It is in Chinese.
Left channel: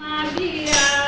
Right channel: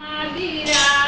妈咪呀